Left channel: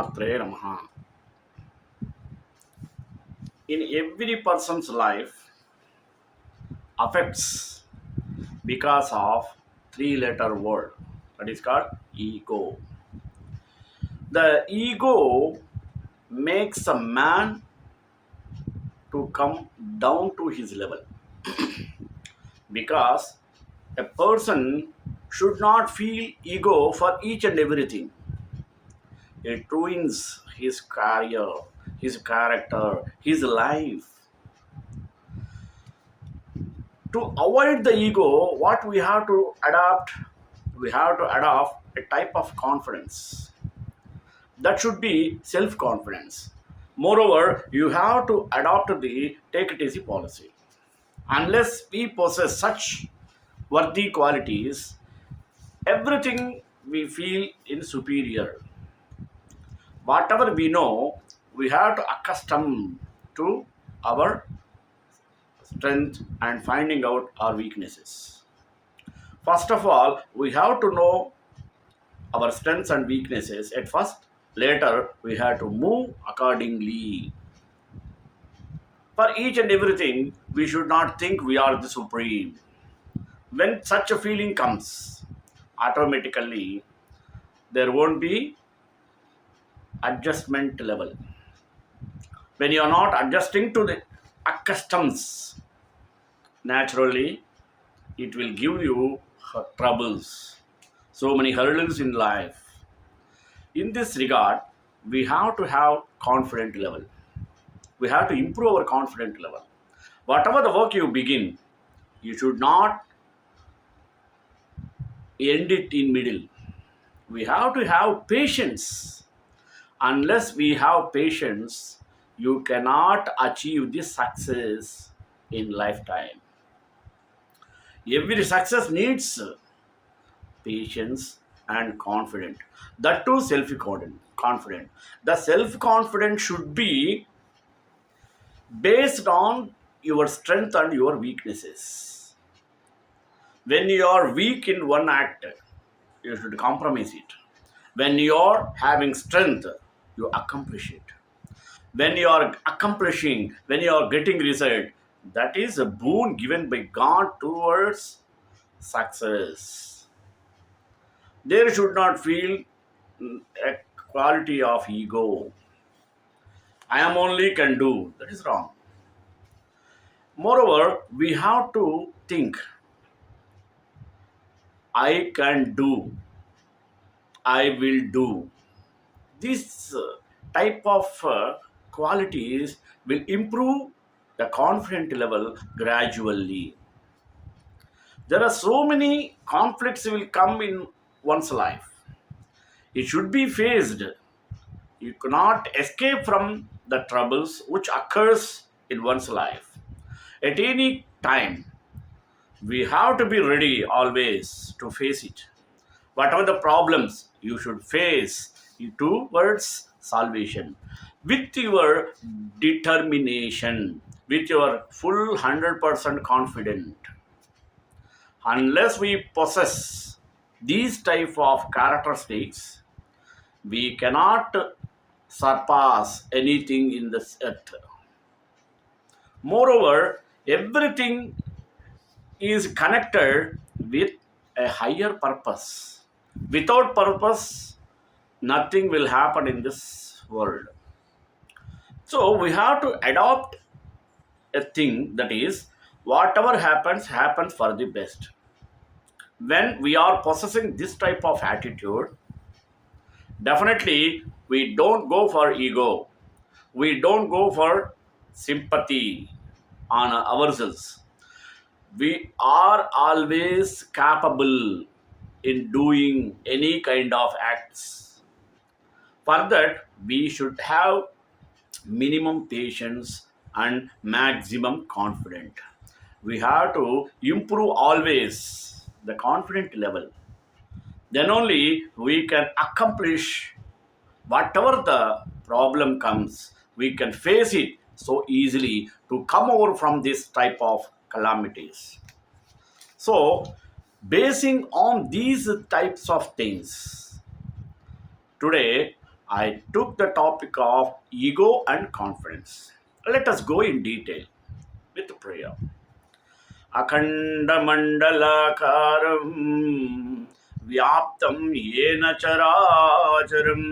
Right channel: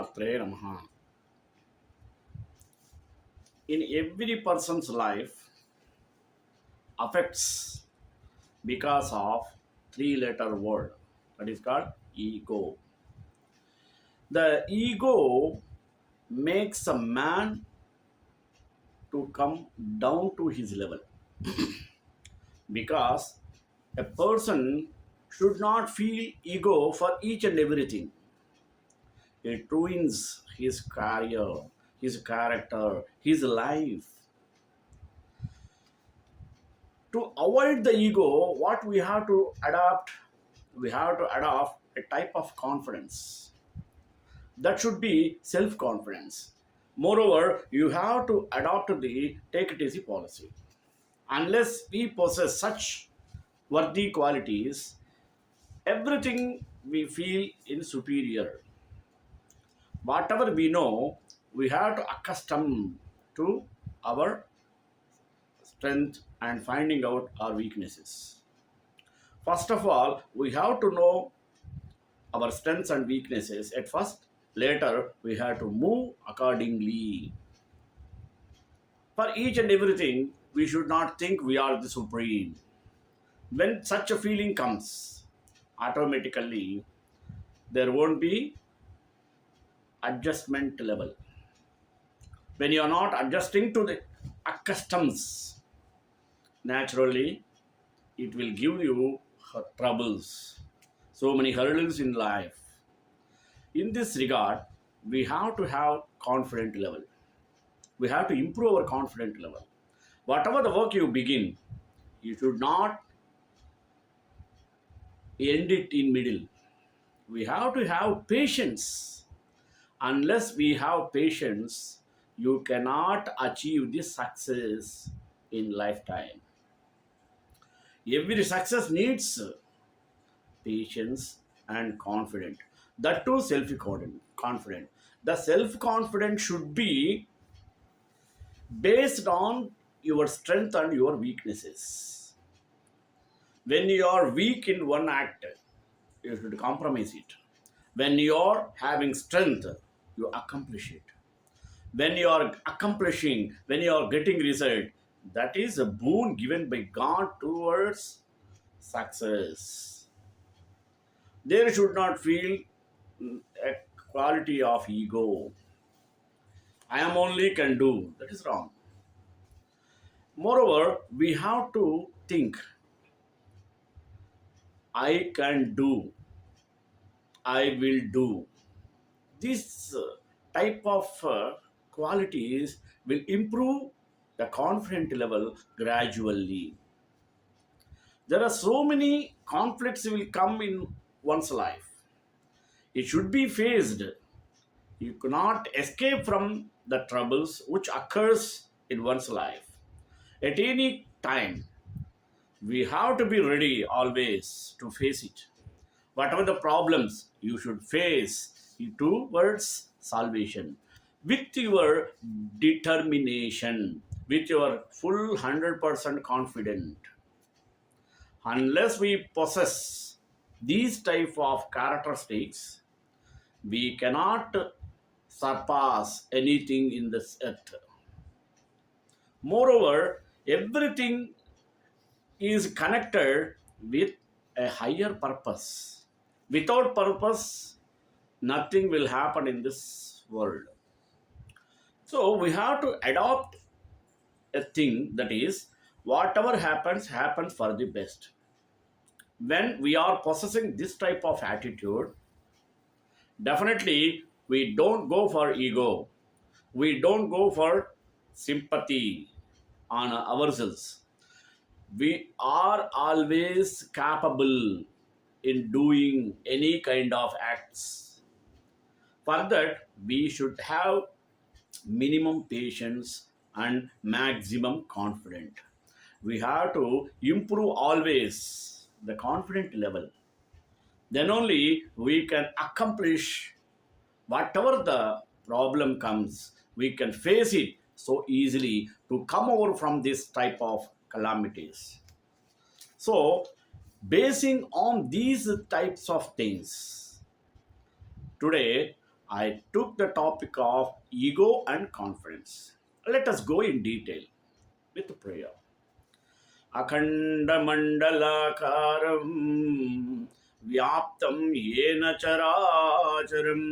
Matre Namaha. In every person's life affects because of three-letter word that is called ego. The ego makes a man to come down to his level because a person should not feel ego for each and everything. It ruins his career, his character, his life. To avoid the ego, what we have to adopt, we have to adopt a type of confidence that should be self confidence. Moreover, you have to adopt the take it easy policy. Unless we possess such worthy qualities, everything we feel in superior. Whatever we know, we have to accustom to our strength and finding out our weaknesses. First of all, we have to know our strengths and weaknesses at first. Later, we have to move accordingly. For each and everything, we should not think we are the supreme. When such a feeling comes, automatically there won't be adjustment level. When you are not adjusting to the customs, naturally it will give you troubles, so many hurdles in life. In this regard, we have to have confident level. We have to improve our confident level. Whatever the work you begin, you should not end it in middle. We have to have patience. Unless we have patience, you cannot achieve this success in lifetime. Every success needs patience and confident. That too self-confident. The self-confidence should be based on your strength and your weaknesses. When you are weak in one act, you should compromise it. When you are having strength, you accomplish it. When you are accomplishing, when you are getting result, that is a boon given by God towards success. There should not feel a quality of ego. I am only can do. That is wrong. Moreover, we have to think I can do, I will do. This type of qualities will improve the confident level gradually. There are so many conflicts will come in one's life. It should be faced. You cannot escape from the troubles which occurs in one's life. At any time, we have to be ready always to face it. Whatever the problems, you should face towards salvation with your determination, with your full 100% confidence. Unless we possess these type of characteristics, we cannot surpass anything in this earth. Moreover, everything is connected with a higher purpose. Without purpose, nothing will happen in this world. So we have to adopt a thing that is whatever happens, happens for the best. When we are possessing this type of attitude, definitely we don't go for ego. We don't go for sympathy on ourselves. We are always capable in doing any kind of acts. For that, we should have minimum patience and maximum confidence. We have to improve always the confident level. Then only we can accomplish whatever the problem comes. We can face it so easily to come over from this type of calamities. So, basing on these types of things, today I took the topic of ego and confidence. Let us go in detail with prayer. अखण्डमण्डलाकारं व्याप्तं येन चराचरं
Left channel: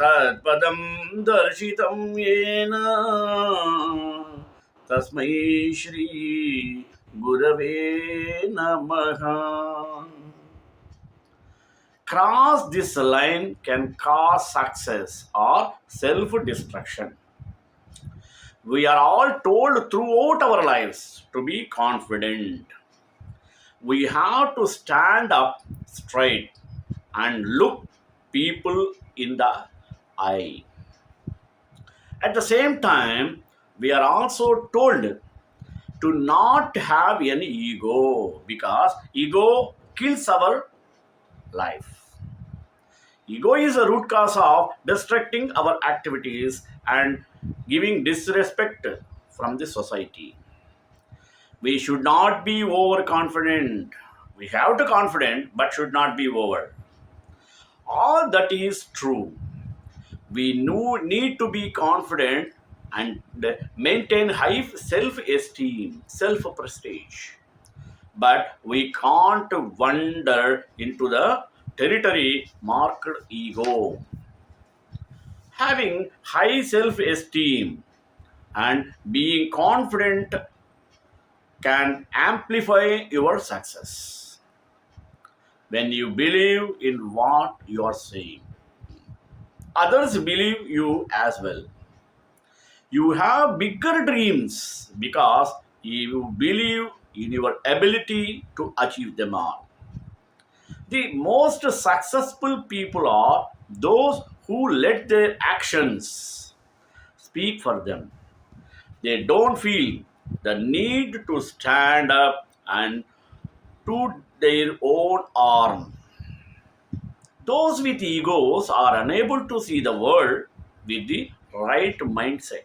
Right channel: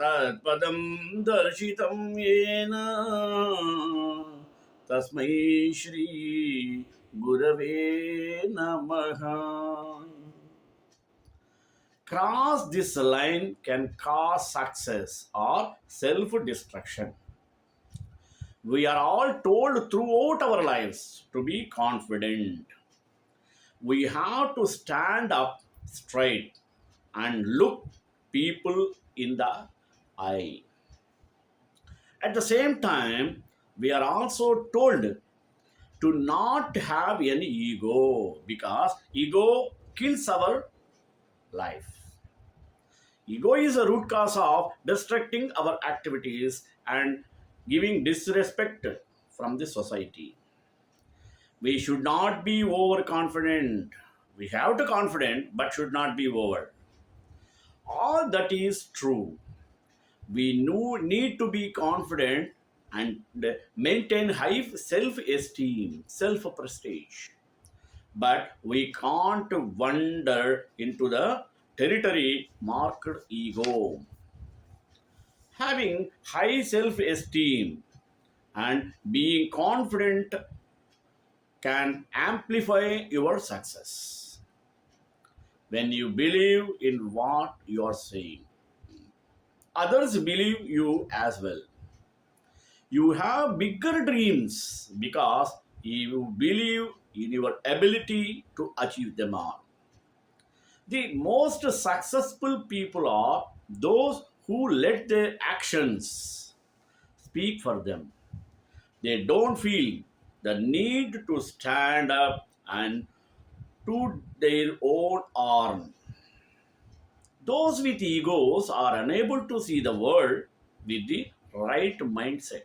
तत्पदं दर्शितं येन तस्मै श्री गुरवे नमः. Cross this line can cause success or self-destruction. We are all told throughout our lives to be confident. We have to stand up straight and look people in the eye. At the same time, we are also told to not have any ego because ego kills our life. Ego is a root cause of destructing our activities and giving disrespect from the society. We should not be overconfident. We have to confident but should not be over. All that is true. We need to be confident and maintain high self-esteem, self-prestige. But we can't wander into the territory marked ego. Having high self-esteem and being confident can amplify your success. When you believe in what you are saying, others believe you as well. You have bigger dreams because you believe in your ability to achieve them all. The most successful people are those who let their actions speak for them. They don't feel the need to stand up and toot their own arm. Those with egos are unable to see the world with the right mindset.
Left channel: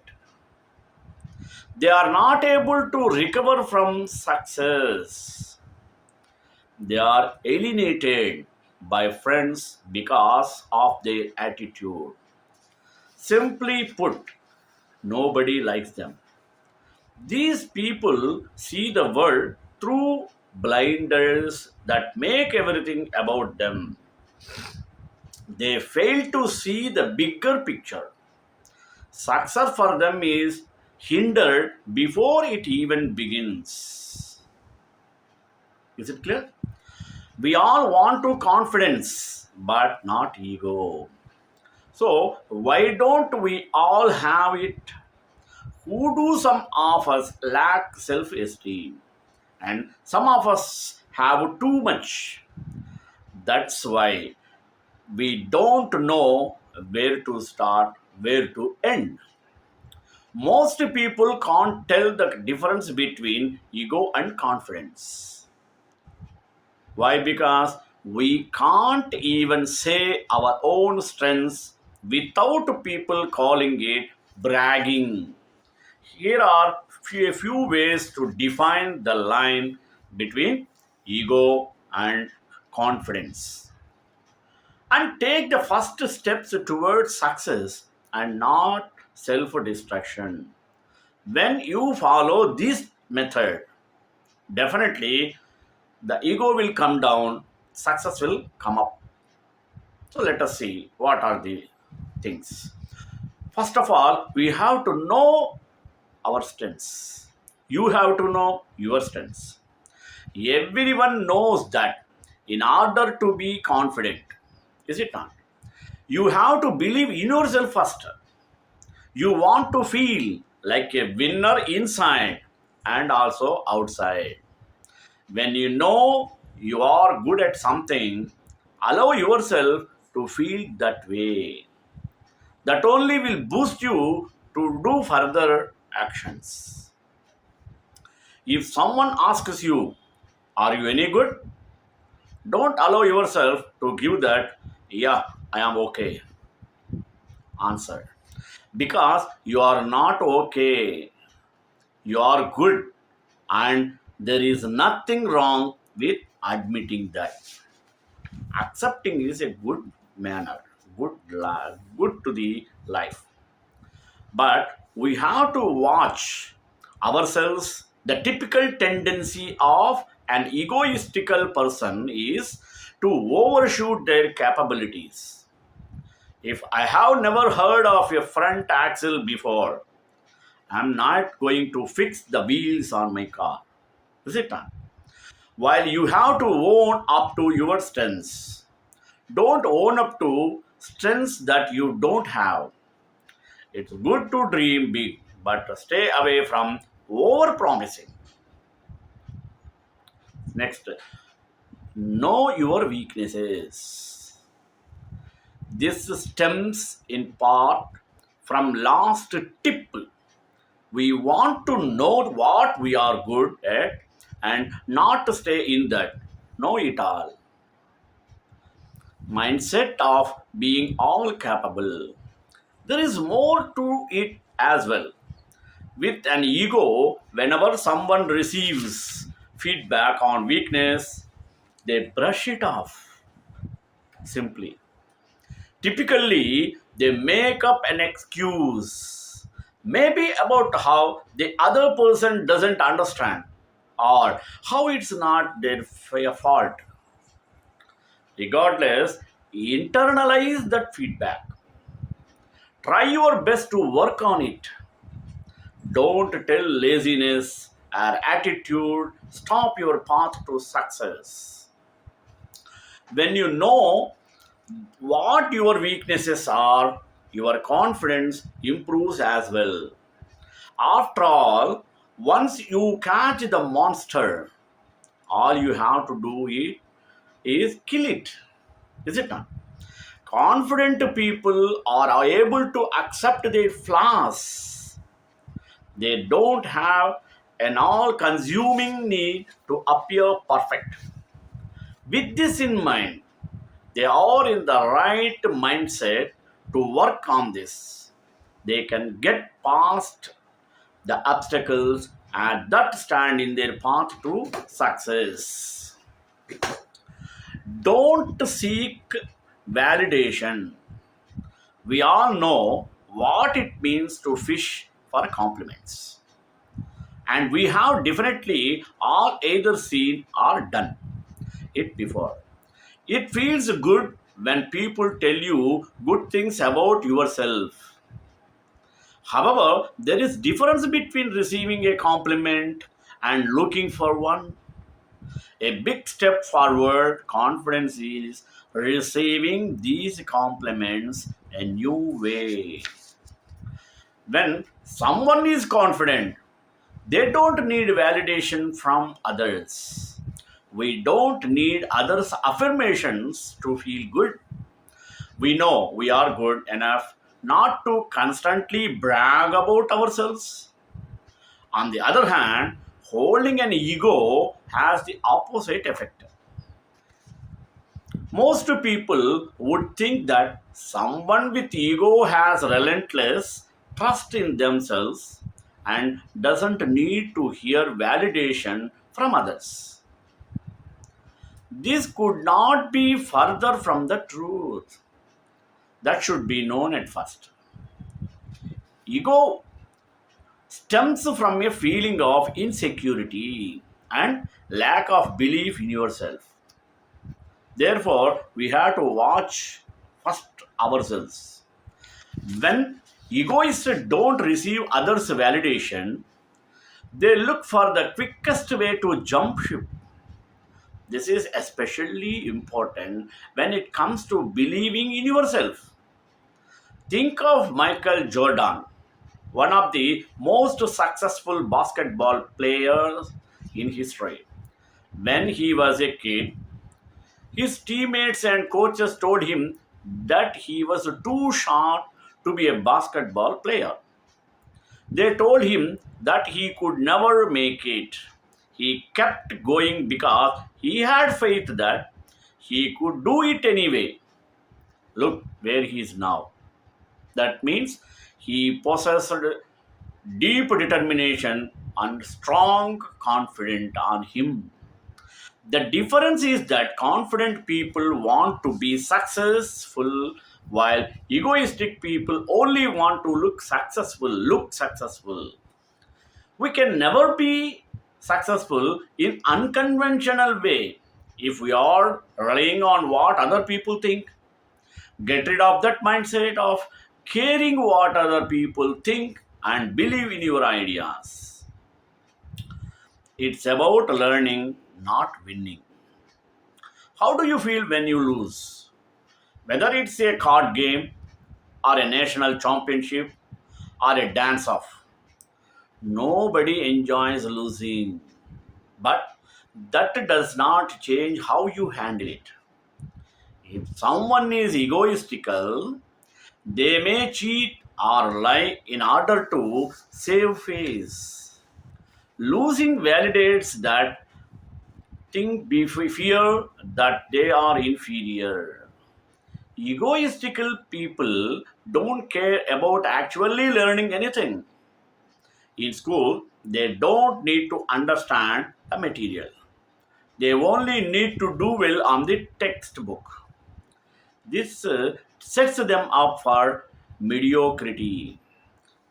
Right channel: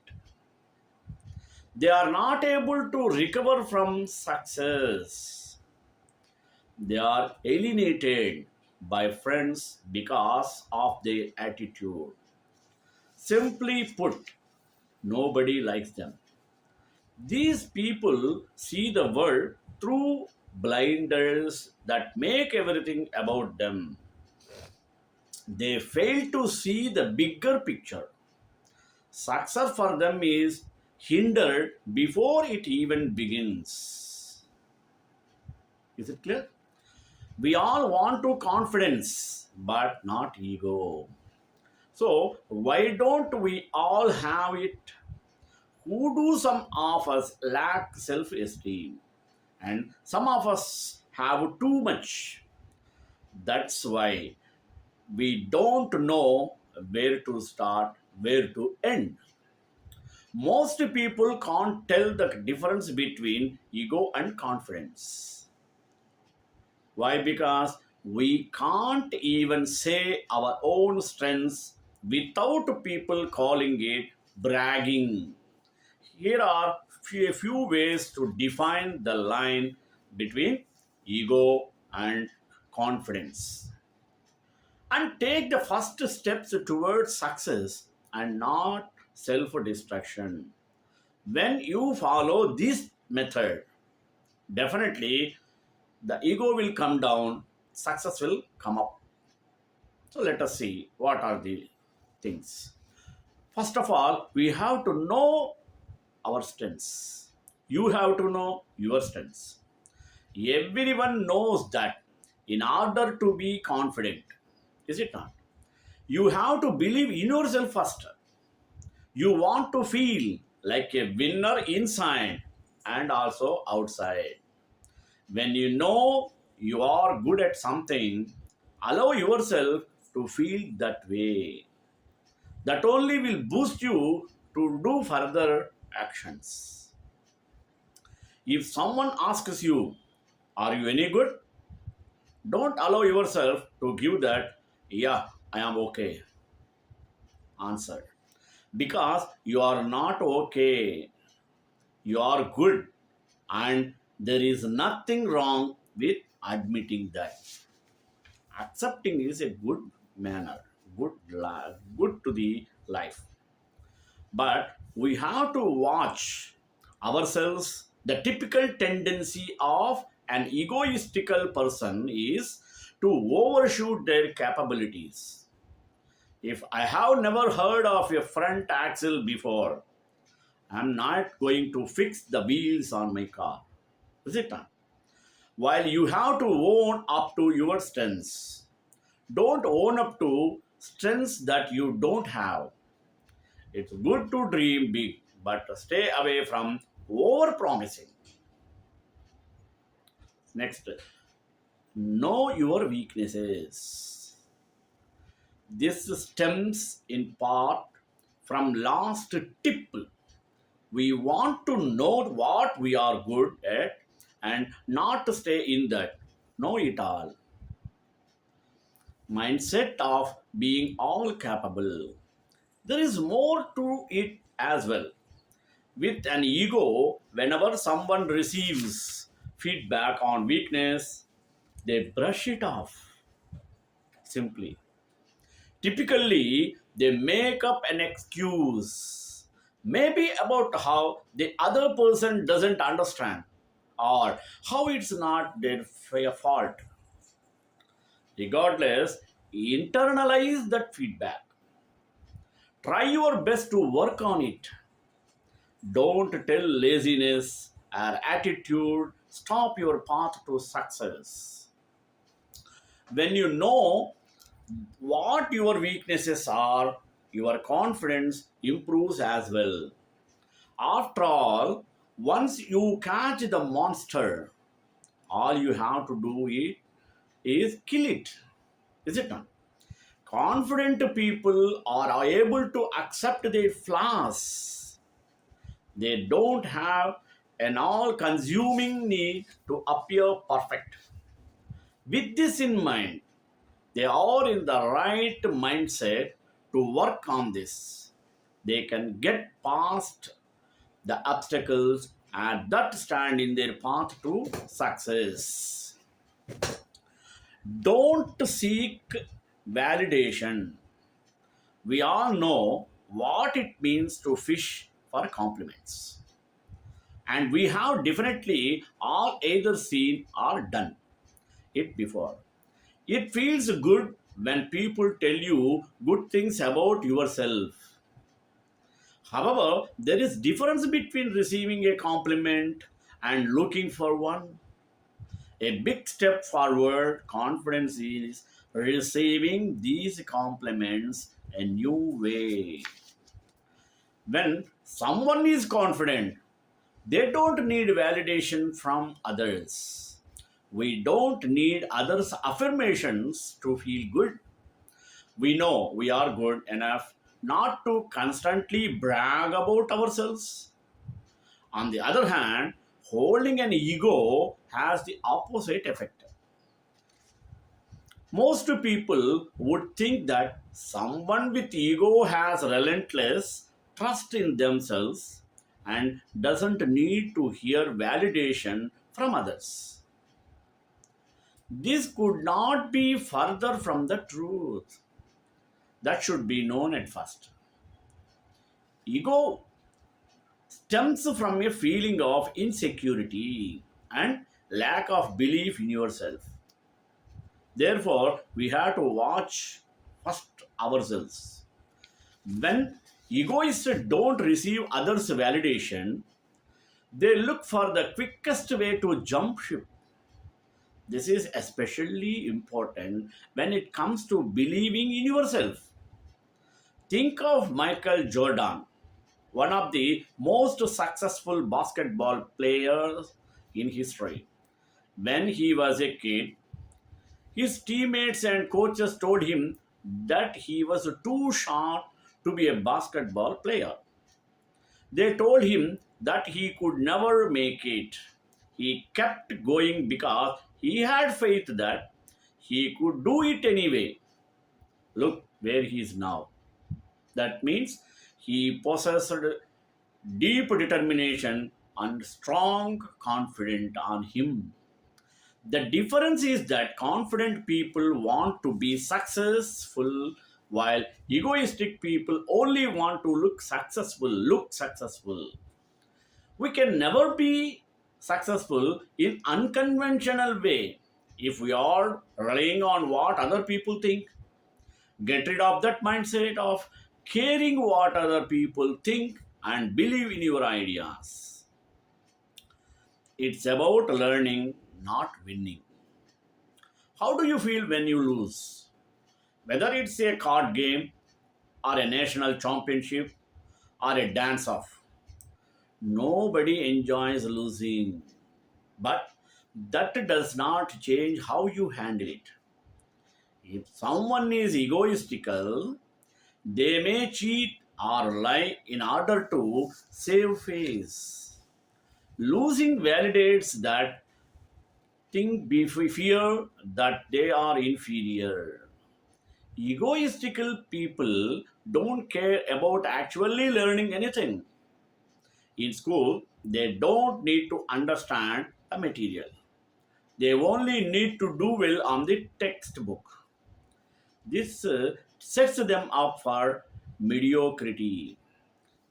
They are not able to recover from success. They are alienated by friends because of their attitude. Simply put, nobody likes them. These people see the world through blinders that make everything about them. They fail to see the bigger picture. Success for them is hindered before it even begins. Is it clear? We all want to confidence, but not ego. So, why don't we all have it? Who do some of us lack self esteem? And some of us have too much. That's why we don't know where to start, where to end. Most people can't tell the difference between ego and confidence. Why? Because we can't even say our own strengths without people calling it bragging. Here are a few ways to define the line between ego and confidence and take the first steps towards success and not self destruction. When you follow this method, definitely the ego will come down, success will come up. So let us see what are the things. First of all, we have to know our strengths. You have to know your strengths. Everyone knows that in order to be confident, is it not? You have to believe in yourself first. You want to feel like a winner inside and also outside. When you know you are good at something, allow yourself to feel that way. That only will boost you to do further actions. If someone asks you, are you any good? Don't allow yourself to give that, yeah, I am okay answer. Because you are not okay. You are good. And there is nothing wrong with admitting that. Accepting is a good manner, good to the life. But we have to watch ourselves. The typical tendency of an egoistical person is to overshoot their capabilities. If I have never heard of a front axle before, I'm not going to fix the wheels on my car. Is it not? While you have to own up to your strengths, don't own up to strengths that you don't have. It's good to dream big, but stay away from over promising. Next, know your weaknesses. This stems in part from last tip. We want to know what we are good at and not to stay in that know it all mindset of being all capable. There is more to it as well. With an ego, whenever someone receives feedback on weakness, they brush it off simply. Typically, they make up an excuse, maybe about how the other person doesn't understand or how it's not their fault. Regardless, internalize that feedback. Try your best to work on it. Don't tell laziness or attitude stop your path to success. When you know what your weaknesses are, your confidence improves as well. After all, once you catch the monster, all you have to do is kill it. Is it not? Confident people are able to accept their flaws. They don't have an all consuming need to appear perfect. With this in mind, they are in the right mindset to work on this. They can get past the obstacles and that stand in their path to success. Don't seek validation. We all know what it means to fish for compliments. And we have definitely all either seen or done it before. It feels good when people tell you good things about yourself. However, there is difference between receiving a compliment and looking for one. A big step forward confidence is receiving these compliments a new way. When someone is confident, they don't need validation from others. We don't need others' affirmations to feel good. We know we are good enough not to constantly brag about ourselves. On the other hand, holding an ego has the opposite effect. Most people would think that someone with ego has relentless trust in themselves and doesn't need to hear validation from others. This could not be further from the truth. That should be known at first. Ego stems from a feeling of insecurity and lack of belief in yourself. Therefore, we have to watch first ourselves. When egoists don't receive others' validation, they look for the quickest way to jump ship. This is especially important when it comes to believing in yourself. Think of Michael Jordan, one of the most successful basketball players in history. When he was a kid, his teammates and coaches told him that he was too short to be a basketball player. They told him that he could never make it. He kept going because he had faith that he could do it anyway. Look where he is now. That means he possessed deep determination and strong confidence on him. The difference is that confident people want to be successful while egoistic people only want to look successful. We can never be successful in unconventional way if we are relying on what other people think. Get rid of that mindset of caring what other people think and believe in your ideas. It's about learning, not winning. How do you feel when you lose? Whether it's a card game or a national championship or a dance off, nobody enjoys losing. But that does not change how you handle it. If someone is egoistical, they may cheat or lie in order to save face. Losing validates that fear that they are inferior. Egoistical people don't care about actually learning anything. In school, they don't need to understand the material. They only need to do well on the textbook. This sets them up for mediocrity.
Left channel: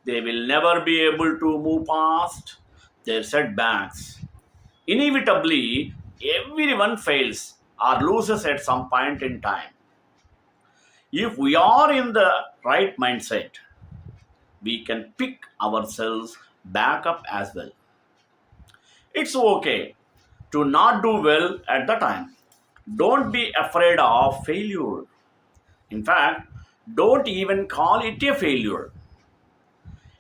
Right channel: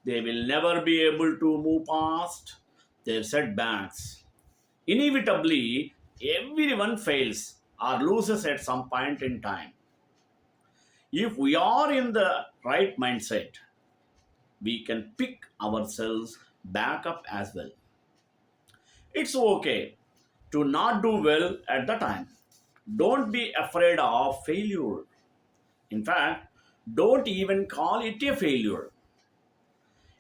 They will never be able to move past their setbacks. Inevitably, everyone fails or loses at some point in time. If we are in the right mindset, we can pick ourselves back up as well. It's okay to not do well at the time. Don't be afraid of failure. In fact, don't even call it a failure.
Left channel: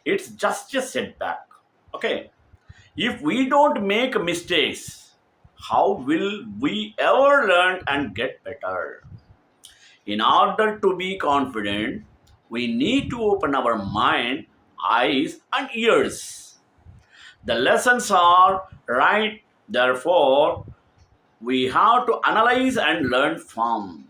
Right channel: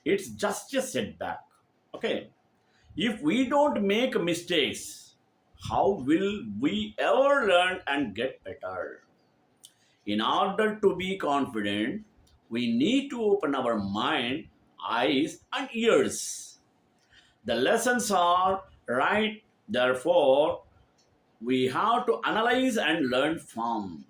It's just a setback. Okay. If we don't make mistakes, how will we ever learn and get better? In order to be confident, we need to open our mind, eyes, and ears. The lessons are right, therefore, we have to analyze and learn from.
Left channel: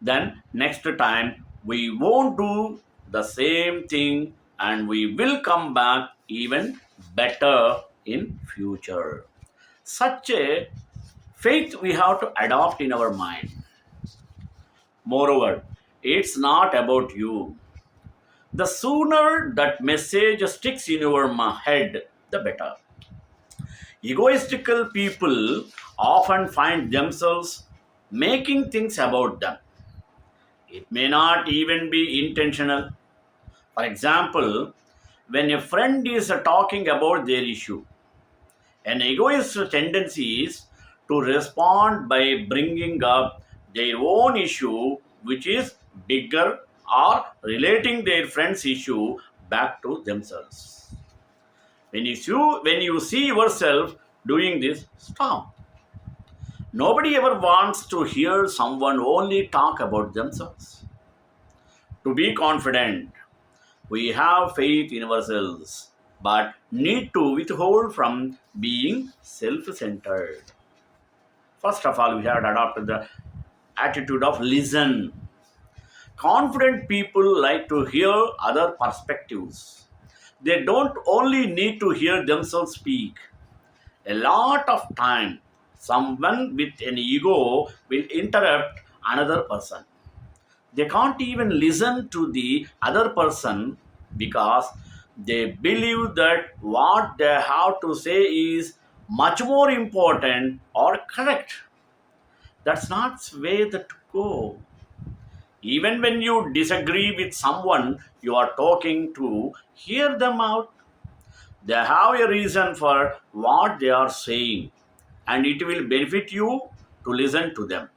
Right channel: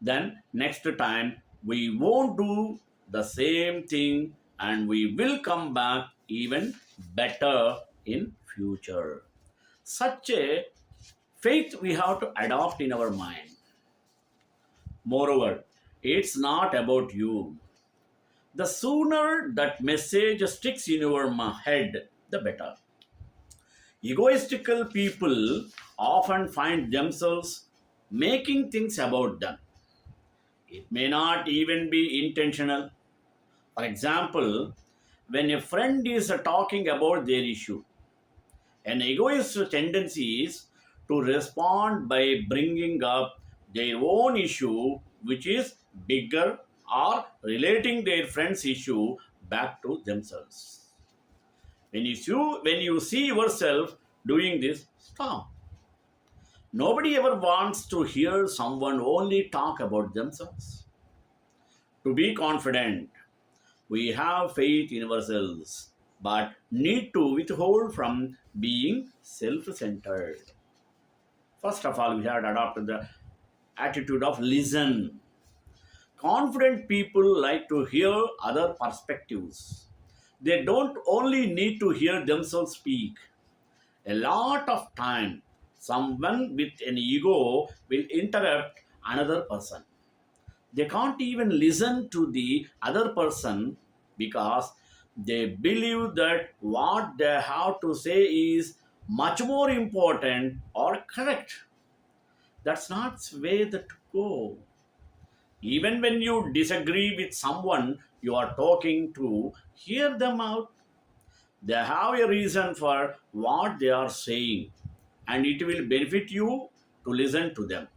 Then, next time, we won't do the same thing and we will come back even better in future. Such a faith we have to adopt in our mind. Moreover, it's not about you. The sooner that message sticks in your head, the better. Egoistical people often find themselves making things about them. It may not even be intentional. For example, when a friend is talking about their issue, an egoist's tendency is to respond by bringing up their own issue, which is bigger, or relating their friend's issue back to themselves. When you see yourself doing this, stop. Nobody ever wants to hear someone only talk about themselves. To be confident, we have faith in ourselves, but need to withhold from being self centered. First of all, we have adopted the attitude of listen. Confident people like to hear other perspectives. They don't only need to hear themselves speak. A lot of time, someone with an ego will interrupt another person. They can't even listen to the other person because they believe that what they have to say is much more important or correct. That's not the way that go. Even when you disagree with someone you are talking to, hear them out. They have a reason for what they are saying, and it will benefit you to listen to them.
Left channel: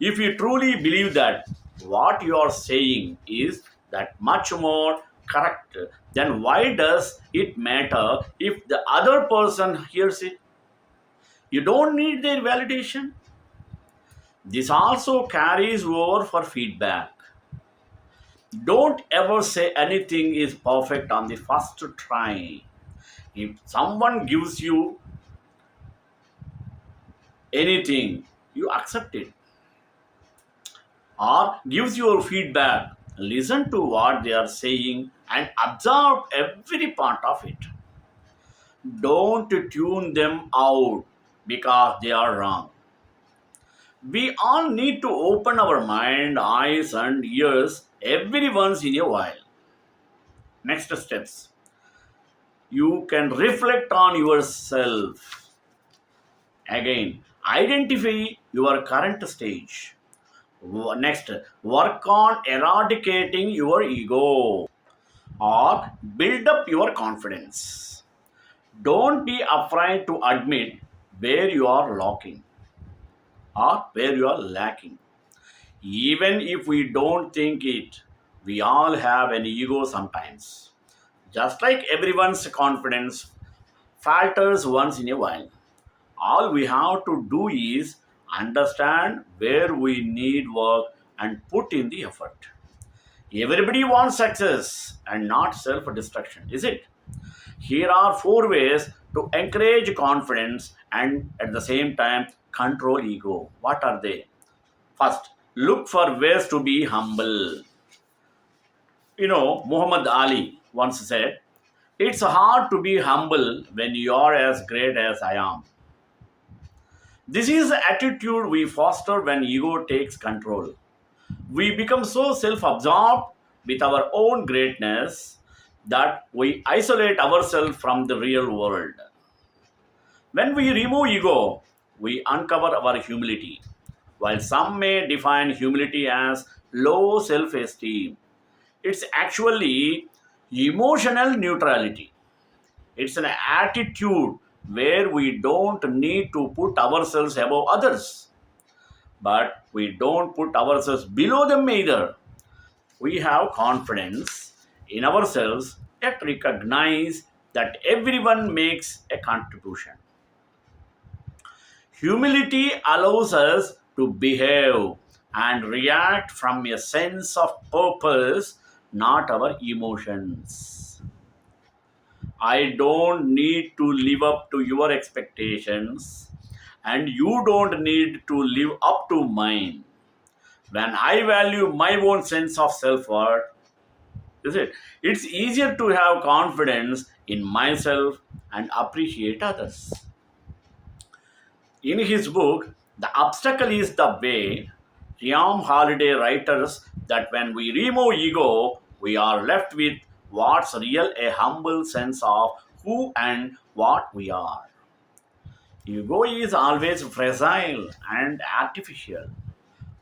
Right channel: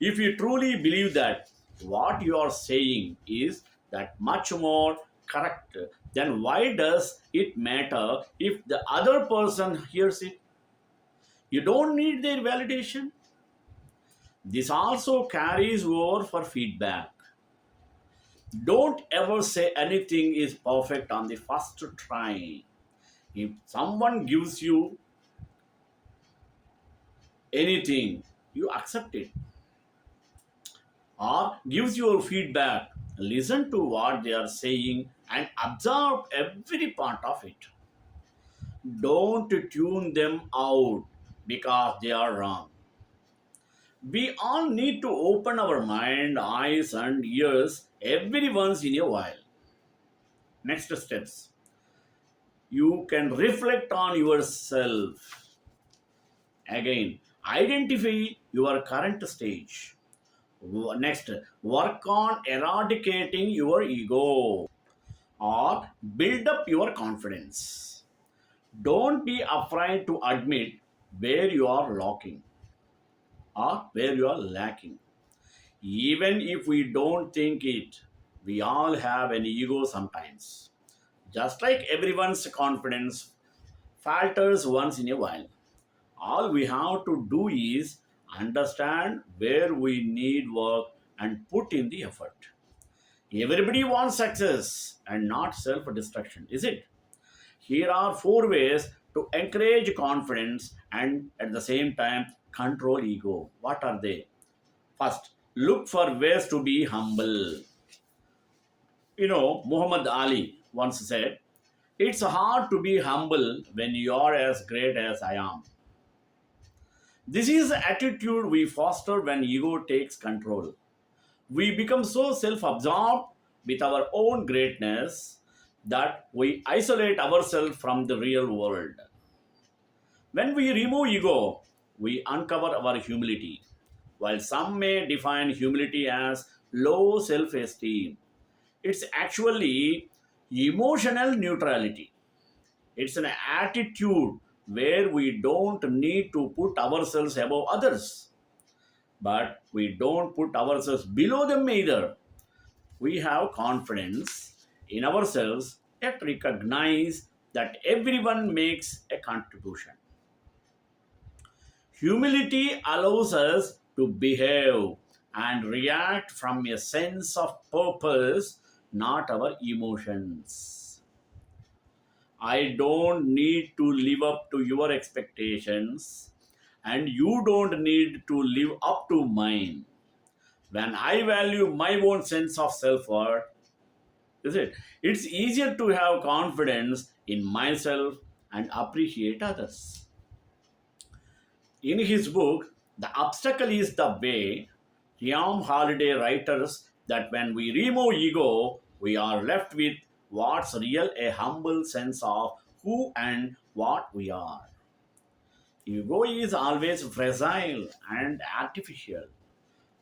If you truly believe that what you are saying is that much more correct, then why does it matter if the other person hears it? You don't need their validation. This also carries over for feedback. Don't ever say anything is perfect on the first try. If someone gives you anything, you accept it or gives your feedback. Listen to what they are saying and absorb every part of it. Don't tune them out because they are wrong. We all need to open our mind, eyes, and ears every once in a while. Next steps. You can reflect on yourself. Again, identify your current stage. Next, work on eradicating your ego or build up your confidence. Don't be afraid to admit where you are lacking or where you are lacking. Even if we don't think it, we all have an ego sometimes. Just like everyone's confidence falters once in a while. All we have to do is understand where we need work and put in the effort. Everybody wants success and not self destruction, is it? Here are four ways to encourage confidence and at the same time control ego. What are they? First, look for ways to be humble. Muhammad Ali once said, "It's hard to be humble when you are as great as I am." This is the attitude we foster when ego takes control. We become so self absorbed with our own greatness that we isolate ourselves from the real world. When we remove ego, we uncover our humility. While some may define humility as low self esteem, it's actually emotional neutrality. It's an attitude where we don't need to put ourselves above others, but we don't put ourselves below them either. We have confidence in ourselves yet recognize that everyone makes a contribution. Humility allows us to behave and react from a sense of purpose, not our emotions. I don't need to live up to your expectations, and you don't need to live up to mine. When I value my own sense of self worth, is it? It's easier to have confidence in myself and appreciate others. In his book, The Obstacle is the Way, Ryan Holiday writes that when we remove ego, we are left with what's real a humble sense of who and what we are. Ego is always fragile and artificial,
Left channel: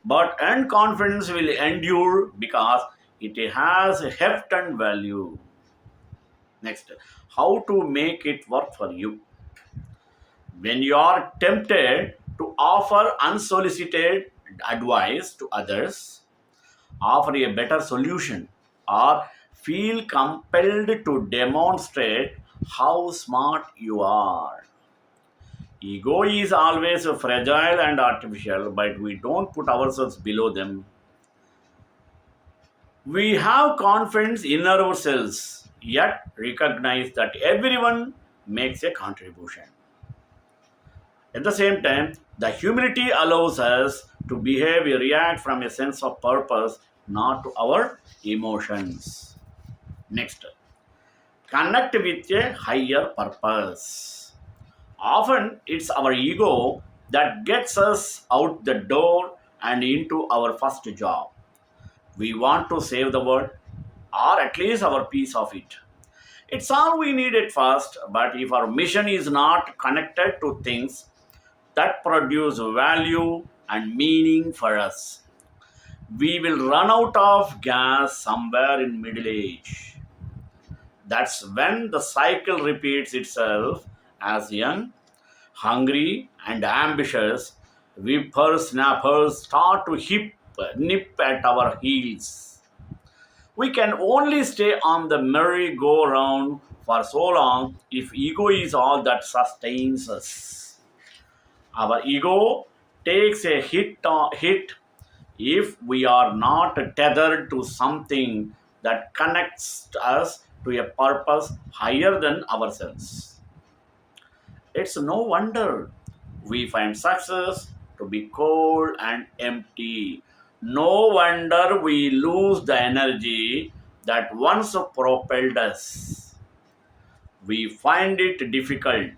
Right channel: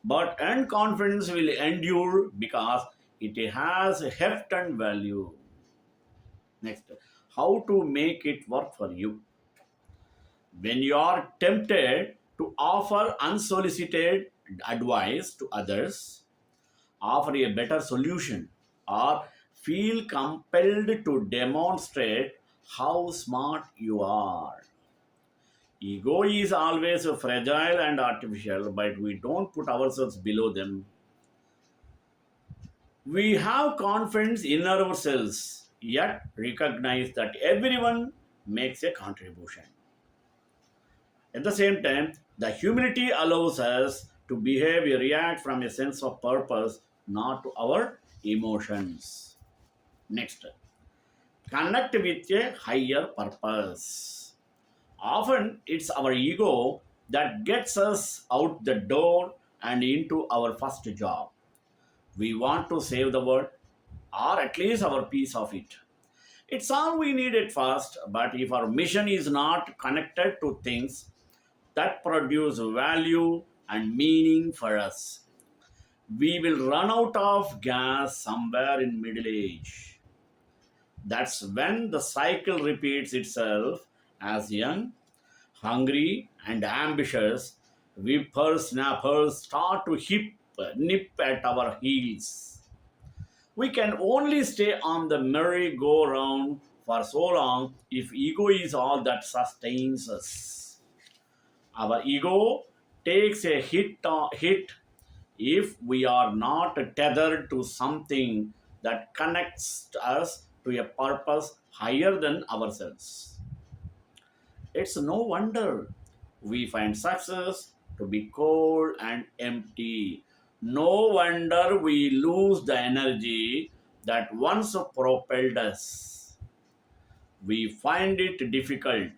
but and confidence will endure because it has heft and value. Next, how to make it work for you. When you are tempted to offer unsolicited advice to others, offer a better solution, or feel compelled to demonstrate how smart you are. Ego is always fragile and artificial, but we don't put ourselves below them. We have confidence in ourselves, yet recognize that everyone makes a contribution. At the same time, the humility allows us to behave, we react from a sense of purpose, not to our emotions. Next, connect with a higher purpose. Often it's our ego that gets us out the door and into our first job. We want to save the world, or at least our piece of it. It's all we need at first, but if our mission is not connected to things that produce value and meaning for us, we will run out of gas somewhere in middle age. That's when the cycle repeats itself as young, hungry, and ambitious whippersnappers start to nip at our heels. We can only stay on the merry-go-round for so long if ego is all that sustains us. Our ego takes a hit if we are not tethered to something that connects us to a purpose higher than ourselves. It's no wonder we find success to be cold and empty. No wonder we lose the energy that once propelled us. We find it difficult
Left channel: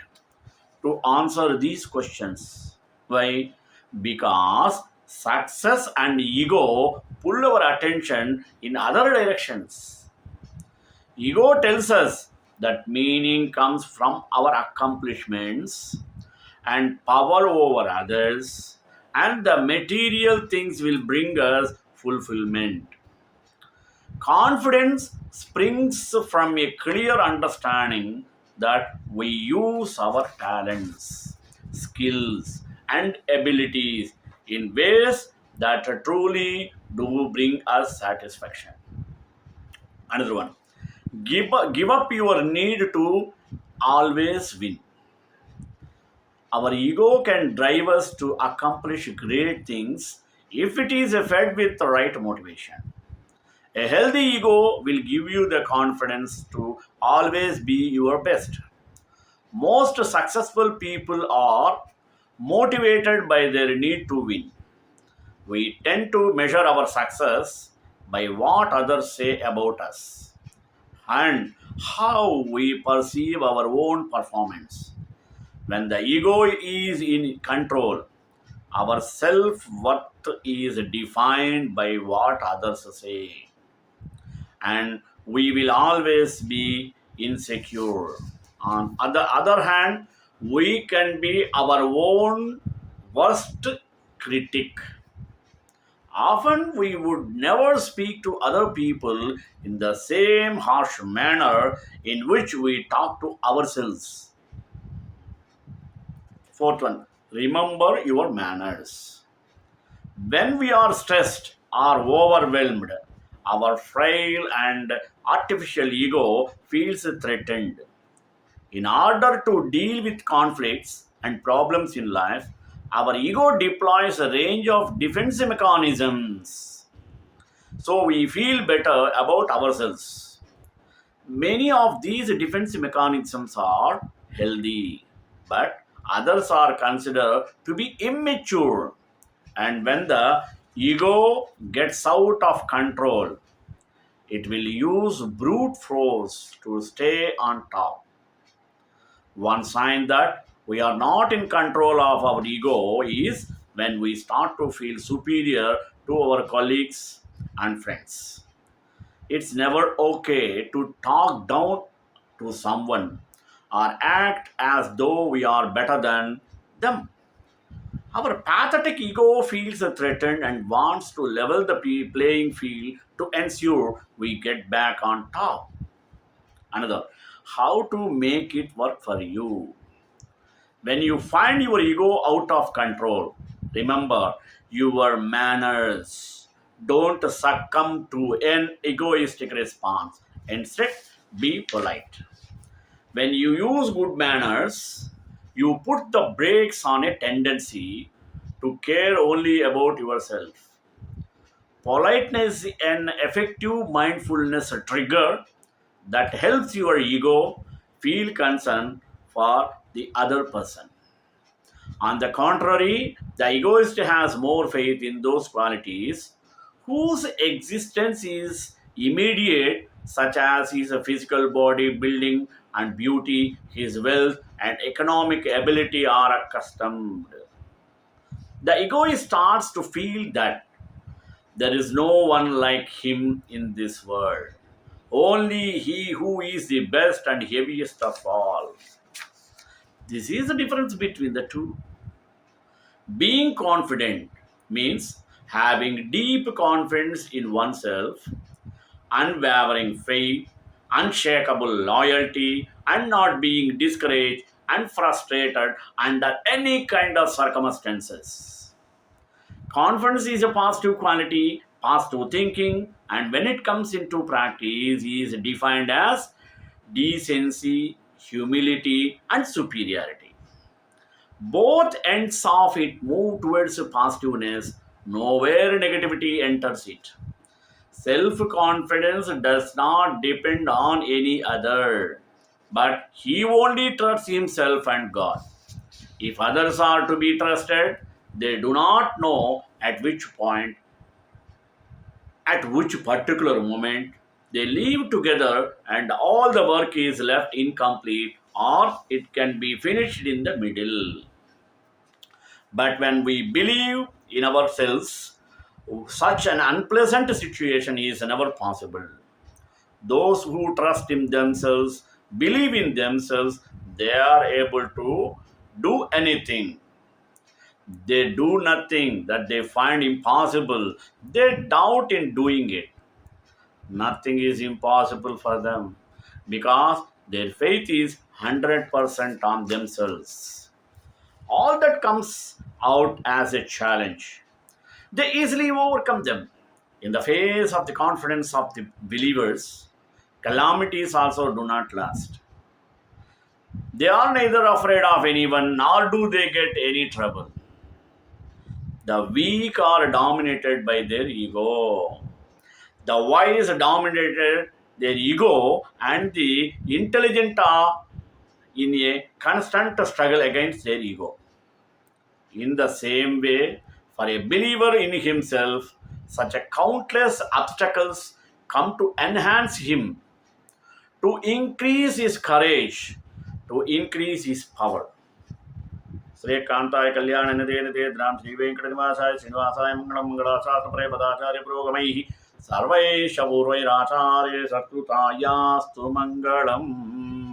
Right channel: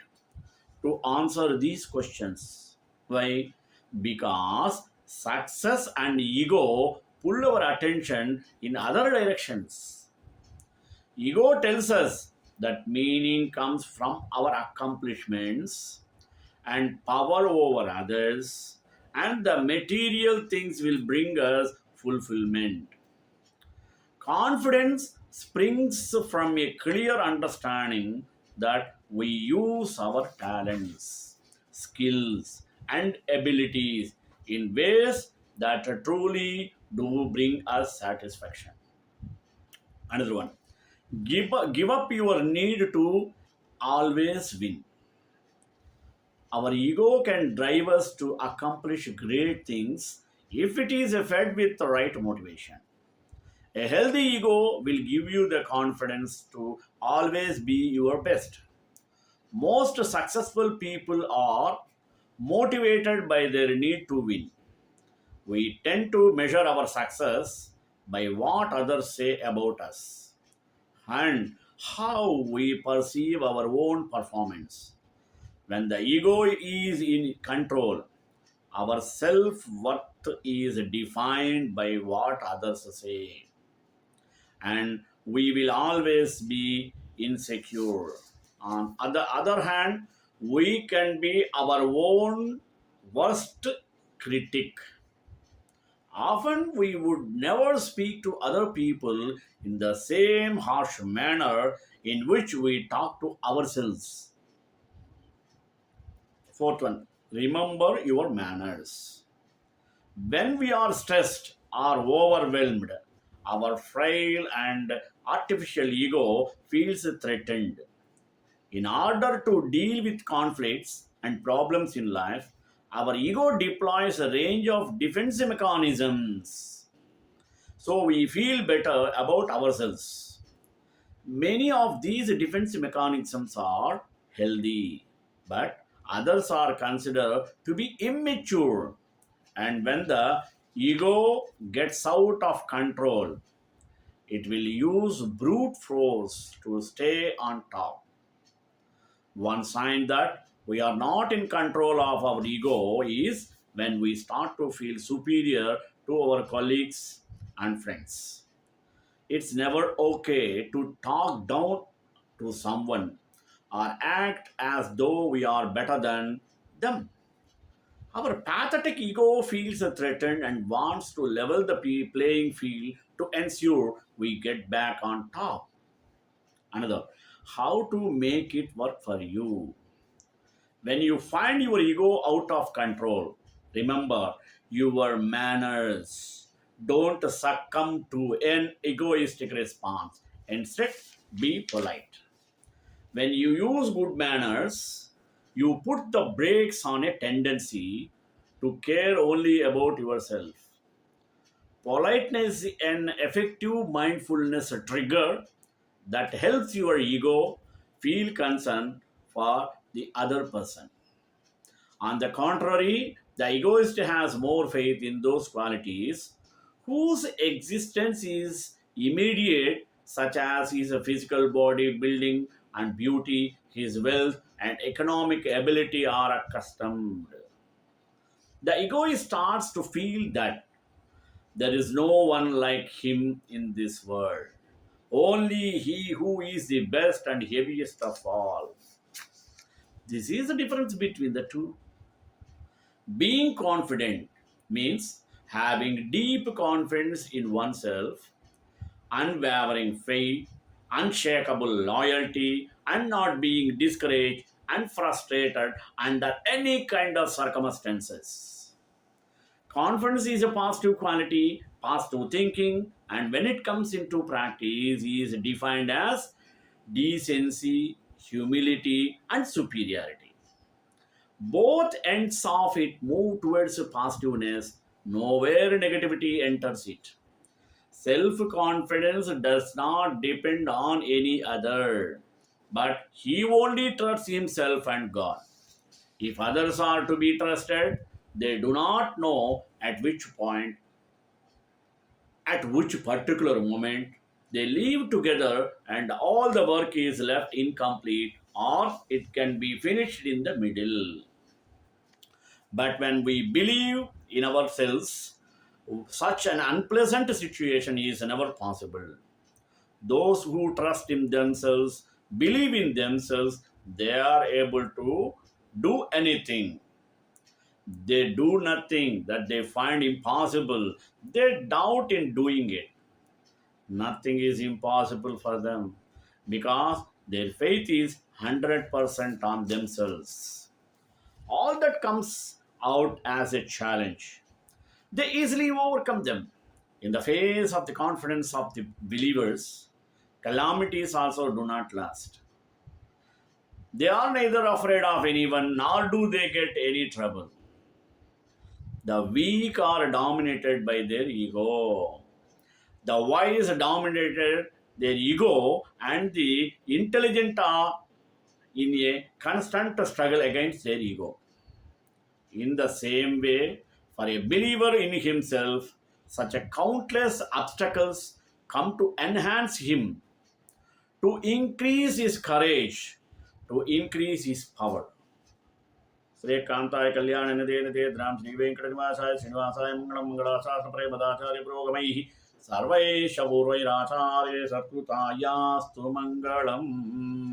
to answer these questions. Why? because success and ego pull our attention in other directions. Ego tells us that meaning comes from our accomplishments and power over others, and the material things will bring us fulfillment. Confidence springs from a clear understanding that we use our talents, skills, and abilities in ways that truly do bring us satisfaction. Another one, give up your need to always win. Our ego can drive us to accomplish great things if it is fed with the right motivation. A healthy ego will give you the confidence to always be your best. Most successful people are motivated by their need to win. We tend to measure our success by what others say about us and how we perceive our own performance. When the ego is in control, our self worth is defined by what others say, and we will always be insecure. On the other hand, we can be our own worst critic. Often we would never speak to other people in the same harsh manner in which we talk to ourselves. Fourth one, remember your manners. When we are stressed or overwhelmed, our frail and artificial ego feels threatened. In order to deal with conflicts and problems in life, our ego deploys a range of defense mechanisms so we feel better about ourselves. Many of these defense mechanisms are healthy, but others are considered to be immature. And when the ego gets out of control, it will use brute force to stay on top. One sign that we are not in control of our ego is when we start to feel superior to our colleagues and friends. It's never okay to talk down to someone or act as though we are better than them. Our pathetic ego feels threatened and wants to level the playing field to ensure we get back on top. Another, how to make it work for you. When you find your ego out of control, remember your manners. Don't succumb to an egoistic response. Instead, be polite. When you use good manners, you put the brakes on a tendency to care only about yourself. Politeness is an effective mindfulness trigger that helps your ego feel concern for the other person. On the contrary, the egoist has more faith in those qualities whose existence is immediate, such as his physical body, building, and beauty, his wealth, and economic ability are accustomed. The egoist starts to feel that there is no one like him in this world. Only he who is the best and heaviest of all. This is the difference between the two. Being confident means having deep confidence in oneself, unwavering faith, unshakable loyalty, and not being discouraged and frustrated under any kind of circumstances. Confidence is a positive quality, positive thinking, and when it comes into practice, is defined as decency, humility, and superiority. Both ends of it move towards positiveness, nowhere negativity enters it. Self confidence does not depend on any other, but he only trusts himself and God. If others are to be trusted, they do not know at which particular moment they live together and all the work is left incomplete or it can be finished in the middle. But when we believe in ourselves, such an unpleasant situation is never possible. Those who trust in themselves, believe in themselves, they are able to do anything. They do nothing that they find impossible. They doubt in doing it. Nothing is impossible for them because their faith is 100% on themselves. All that comes out as a challenge. They easily overcome them. In the face of the confidence of the believers, calamities also do not last. They are neither afraid of anyone nor do they get any trouble. The weak are dominated by their ego. The wise dominated their ego, and the intelligent are in a constant struggle against their ego. In the same way, for a believer in himself, such a countless obstacles come to enhance him, to increase his courage, to increase his power. श्रीकांताय कल्याण निधे निधे राम श्री वेंकटनिवासाय श्रीनिवासाय मंगलम मंगलाशास्त्रप्रे पदाचार्य पुरोगमैः सर्वैः पूर्वैराचार्य सत्कृतायास्तु मंगलम्।